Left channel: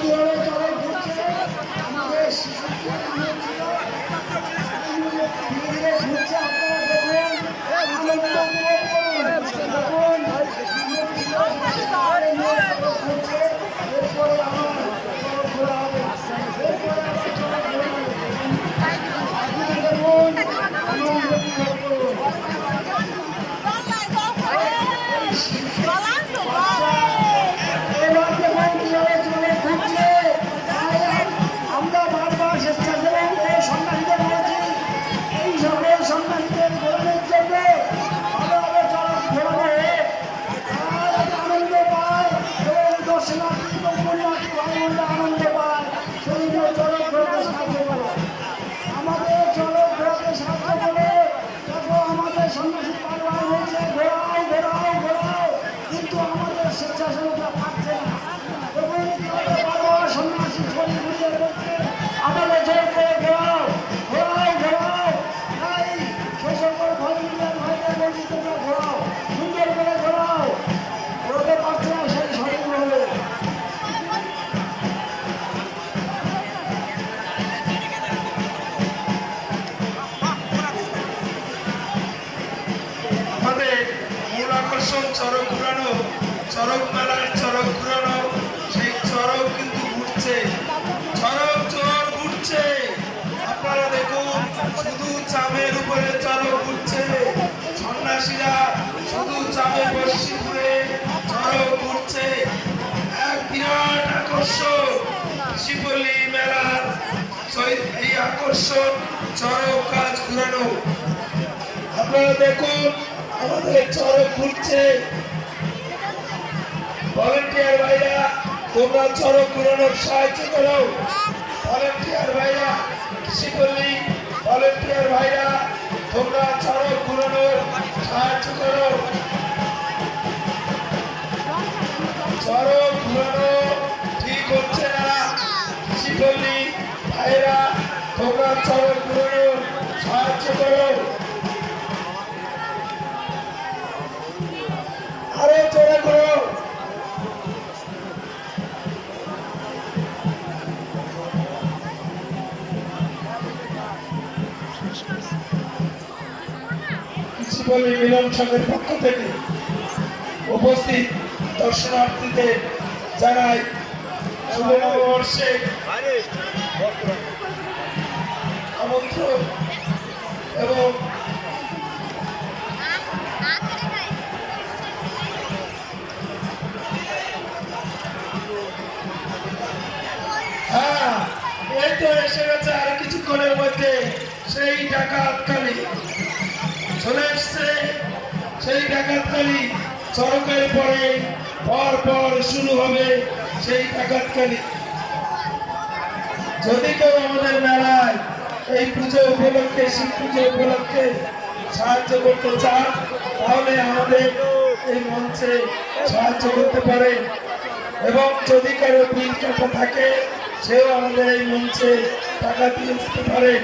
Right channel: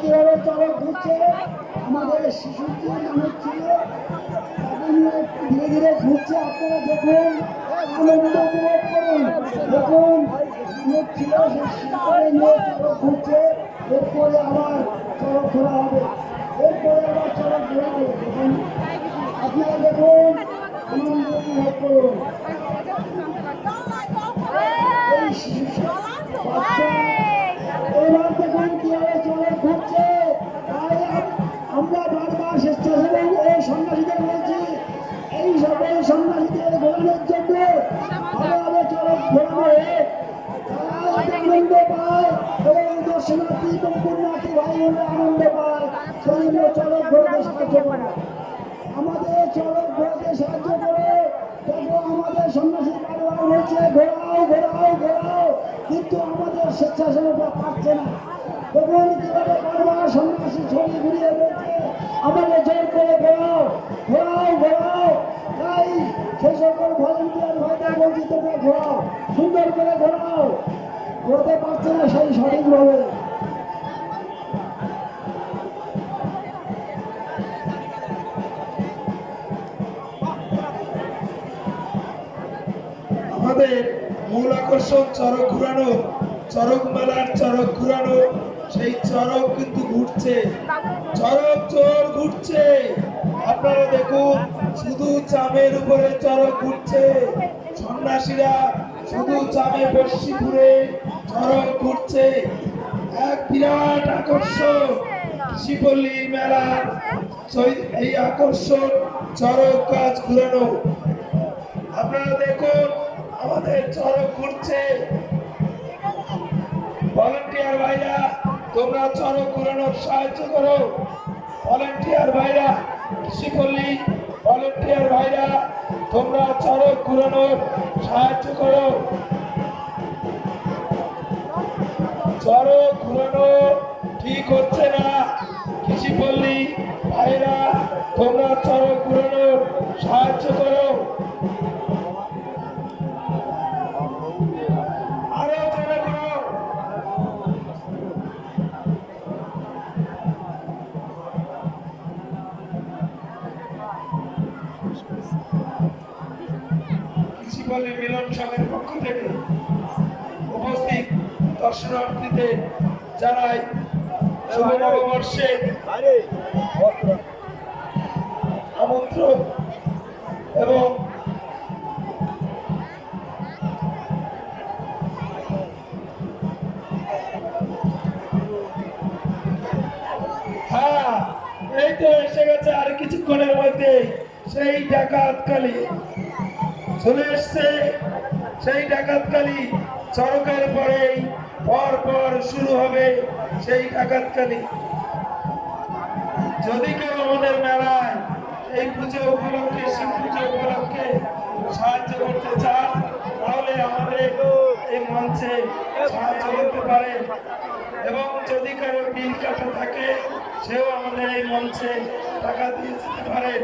কিভাবে চলে ঘুরছে আমাদের শিশুকে ছিল ধীরে ধীরে ঘুরছে। আপনারা দেখুন, আনন্দ উপভোগ করুন। দেখুন ছিল ঘুরছে, এরপরে আবার চড়ক ঘোরা হবে, এরপরে আবার চড়ক ঘোরা হবে। দেখুন আপনারা দেখুন, আনন্দ উপভোগ করুন। এবার দেখুন কিভাবে চলে ঘুরছে। আমরা বারবার স্বেচ্ছাসেবক ও সন্ন্যাসীদের বলছি, এই সকল সন্ন্যাসীদের গ্রহণের জন্য ভালোভাবে চড়ক ঘোরাবে, আনন্দ পায় এবং দর্শনার্থী পুণ্যার্থী ভাই বোনরা আনন্দ পায়। সেই চড়ক ঘোরাতে সাহায্য করে, আমাদের চড়ক ঘোরাতে সাহায্য করে। দেখো আমাদের সন্ন্যাসী বারবার হয়েছে ঘোরাও ঘোরাও ঘোরাও, কিন্তু আমাদের স্বেচ্ছাসেবকরা পারছে না। দেখুন বারবার সন্ন্যাসী ছড়ি ঘুরিয়ে রয়েছে, আমাদের জোর করে ঘোরাও ঘোরাও ঘোরাও। তাই সে সকল ভলেন্টিয়ার ভাইরা বলছি তোমরা ঘোরাও, সুন্দর করে ঘোরাও। ঘোরাতে পারছে না সেই সঠিকভাবে। আমাদের মূল আকর্ষণ চড়ক ঘুরানো, চড়ক মেলার চড়ক ঘুরানো। সেই চড়ক কিন্তু ঘুরছে, চড়ক জোর ঘুরছে। আপনারা দেখুন, শুধু চামের উপরে চড়ক ঘুরছে। সন্ন্যাসীরা শুধু চামে বসি ঘুরে চড়ক ঘুরছে। এক বিরাট আকর্ষণ শিবলী মেলার এই আকর্ষণ চড়ক কাজ ঘুরানো। আপনারা দেখুন আমাদের চড়ক ঘুরছে। ভলেন্টিয়ার ভাইরা তোমরা চড়ক ঘুরানোর সাহায্য করো। ভলেন্টিয়ার ভাইরা কৃষিপল্লী ভলেন্টিয়ার ভাইরা তোমরা চড়ক ঘুরানোর সাহায্য করো। চড়ক ঘুরানো ঠিক হচ্ছে না, কৃষিপল্লী ভাইরা তোমরা চড়ক ঘুরানোর সাহায্য করো। আরো চড়ে ঘুরো। কৃষিপল্লী মিলন সংঘের পক্ষ থেকে উপস্থিত দর্শনার্থীদের জানাই শুভ নববর্ষে আমন্ত্রণ এবং এই তো এসে গেছে আর কিছুক্ষণের মধ্যে সেই ডাকাতকালী চলে এসছে। সেই ডাকাতকালী চড়কের পরে পর পর শুরু হবে সেই ডাকাতকালী। যদি কেউ আমাদের মেলায় এই পুজো উপলক্ষে, শিব পুজো উপলক্ষে সাহায্য করতে চান, তাহলে আমাদের এই মঞ্চে সাহায্য করতে পারে। এবং যদি কারো বিল কাটা থাকে, সেও আমাদের এই মঞ্চে টাকা দিয়ে যেতে পারে।